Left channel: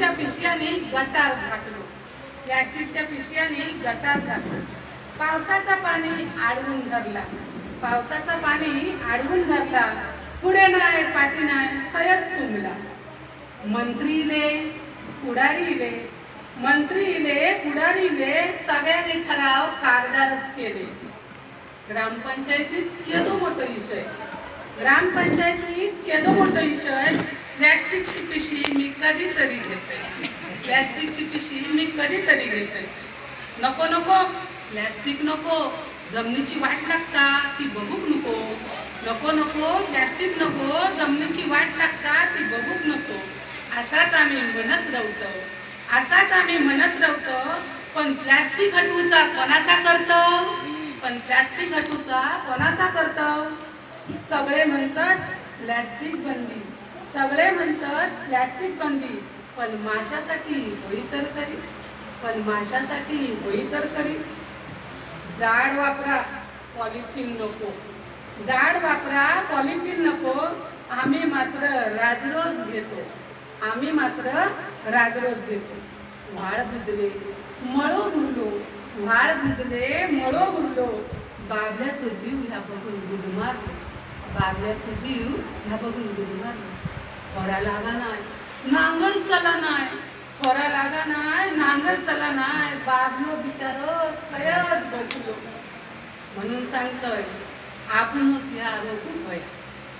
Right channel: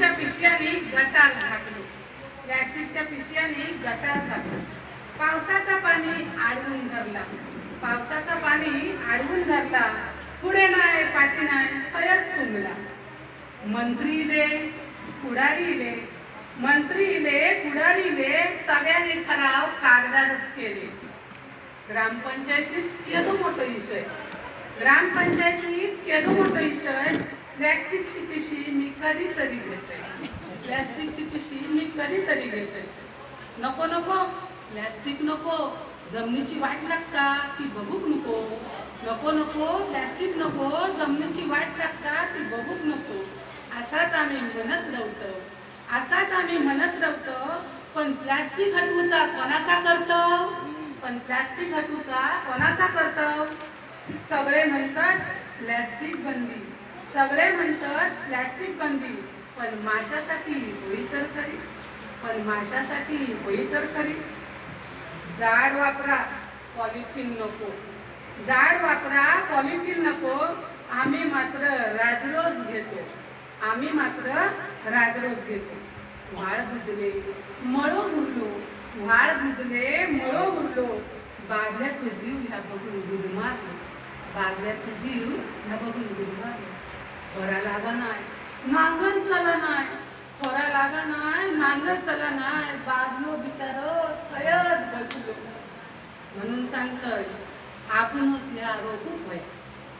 प्लास्टिकच्या पिशव्याने गटार झाकलो. प्लास्टिकच्या पिशव्यांनी गटार झाकलो. पावसाचा पाणी आडवून धरला. पावसाचा पाणी आडवून धरला. पुढे नाही पाठी नाही खयत तुंबला मंत्री इले पुढारी इले मंत्री इले पुढारी इले सगळ्यांनी ठराव कागदारच केले. ग्रामपंचायतीत केलो मोठो विषय ग्रामपंचायतीत केलो मोठो विषय प्लॅस्टिकची पिशवी मी कधीतरी घेते. प्लॅस्टिकची पिशवी मी कधीतरी घेते. नको नको. प्लॅस्टिक नको. जमिनीची वाट लागता ती बघूक नको. नको नको. प्लॅस्टिक नको. जमिनीची वाट लागता ती बघूक नको. असाच आम्ही म्हणत राहतो. असाच आम्ही म्हणत राहतो. पण प्लॅस्टिक हटवूचा कोणाचा करतो? पण प्लॅस्टिक हटवूचा कोणाचा करतो? सगळे म्हणतात प्लॅस्टिक बंदी. सगळे म्हणतात प्लॅस्टिक बंदी. पण माशासाठी होई तर करी पण माशासाठी होई तर खरी. जाड वापरा पॉलिथिन नको. जाड वापरा पॉलिथिन नको. आम्ही मात्र राजरोस घेतो. आम्ही मात्र राजरोस घेतो. व्हाळ भुजले मळो उरलो व्हाळ भुजले मळो उरलो बाबल्याचं जीव ह्या बघून गुदमारलो. बाबल्याचं जीव ह्या बघून गुदमारलो. खोरा लागा नाय नांगर चला नाय खोरा लागा नाय नांगर चला नाय. बाबलो बिचार खयच बसलो. म्हणून सांगतोय आपणच या रोखू पया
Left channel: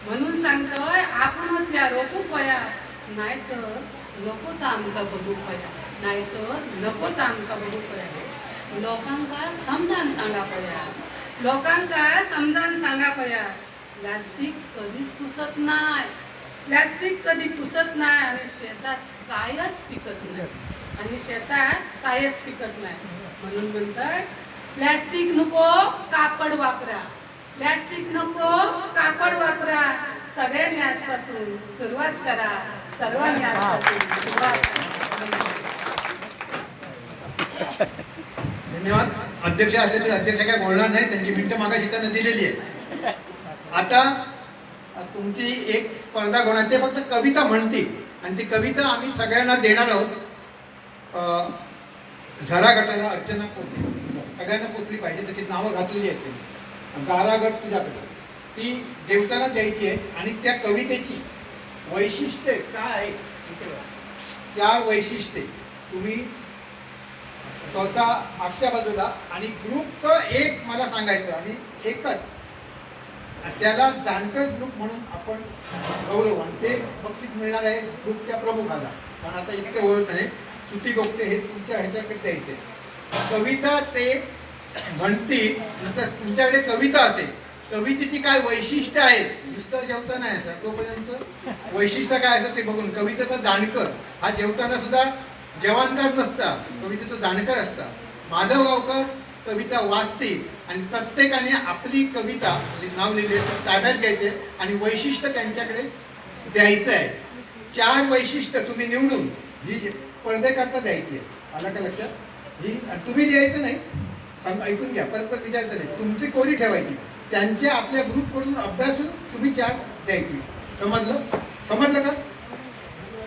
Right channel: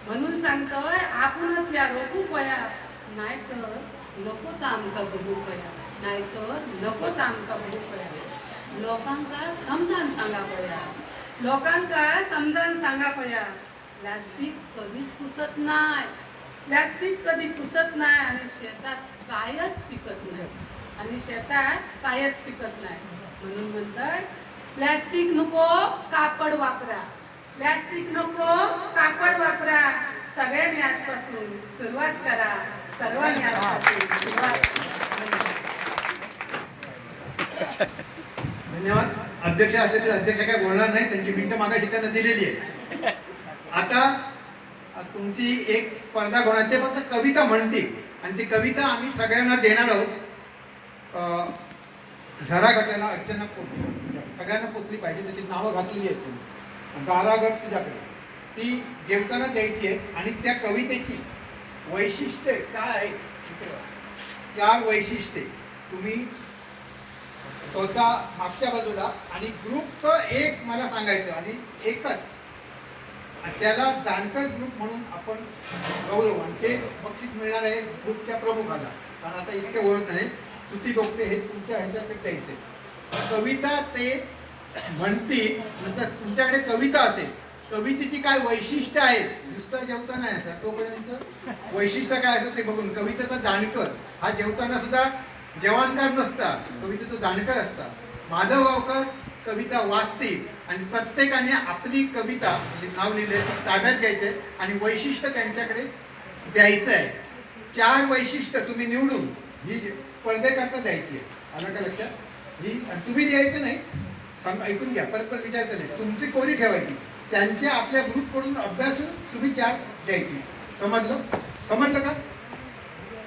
म्हणून सांगतोय आपणच या रोखू पया नाहीतर नको तर आमका बघू पया. नाहीतर नको तर आमकां बघू पया. लोकांका समजान सांगा पया. लोकांका समजान सांगा पया. प्लास्टिक कधीच पुसत नाही प्लॅस्टिक कधी पुसत नाही आणि शेतात कायच पिकत नाही. आणि शेतात कायच पिकत नाही. म्हणून म्हणतात प्लॅस्टिक नको कापड वापरा. प्लॅस्टिक नको कापड वापरा. सगळ्यांनी आजपासून सुरुवात करा. सर्वांनी आजपासून सुरुवात धन्यवाद. अध्यक्ष असले तरी अध्यक्ष काय बोलणार नाही त्यांची मिनिटं मागाशी त्यांना दिलेली आहे. आता तुमची एक स्पर्धा होणार ते फक्त कविता म्हणतील. आणि ती कविता आम्ही सगळ्यांना देणार आहोत. झरा गटाला अर्चना पोचली. सगळ्यांना पोचली पाहिजे त्याची नावं घातलेली आहेत त्यांनी. गारा गट तुझ्याकडे. ती देवताना द्यायची आहे आणि त्या कवितेची वैशिष्ट्य काय आहे चार वैशिष्ट्ये. तुम्ही स्वतः मागच्या बाजूला आणि ग्रुपचं एक मला सांगायचं आणि एकच त्याला जाणकर ग्रुप म्हणून आपण गौरव आणि ते बक्षीस मिळणार आहे ग्रुपच्या प्रमुखाला. कारण आता इतके ओळख आहे. सुती गोपते हे तुमच्या ह्याच्याकडे द्यायचे कविता ते म्हणतील नंतर तुमच्याकडे कविता असेल. कवितेची काय वैशिष्ट्य आहेत? नुसतं जेवता नाही असं तोपर्यंत. वैशिष्ट्य काय असं ते बघून. कवितेचा जाणकर. हा जेवताना सुद्धा जवानकार नसता. कवितेचा जाणकर असता. माधव गावकर कविता वाचतील. आणि प्रत्येकाने आपली कविता म्हणजे नाव लिहिले ताब्यात घ्यायचे आणि वैशिष्ट्य त्यांच्याकडे द्यायचं आहे. चार वैशिष्ट्य तुम्ही निवडून ही स्पर्धेकरता द्यायची आहे. आलं का लक्षात? ही तुम्ही लिहायचं नाही. सांग ऐकून घ्या परत परत विचारायचं नाही. तुमची कोणी ठेवायची. त्यांच्या आपल्या ग्रुपकडून अभ्यासून तुम्ही चार द्यायची. समजलं? समजलं का?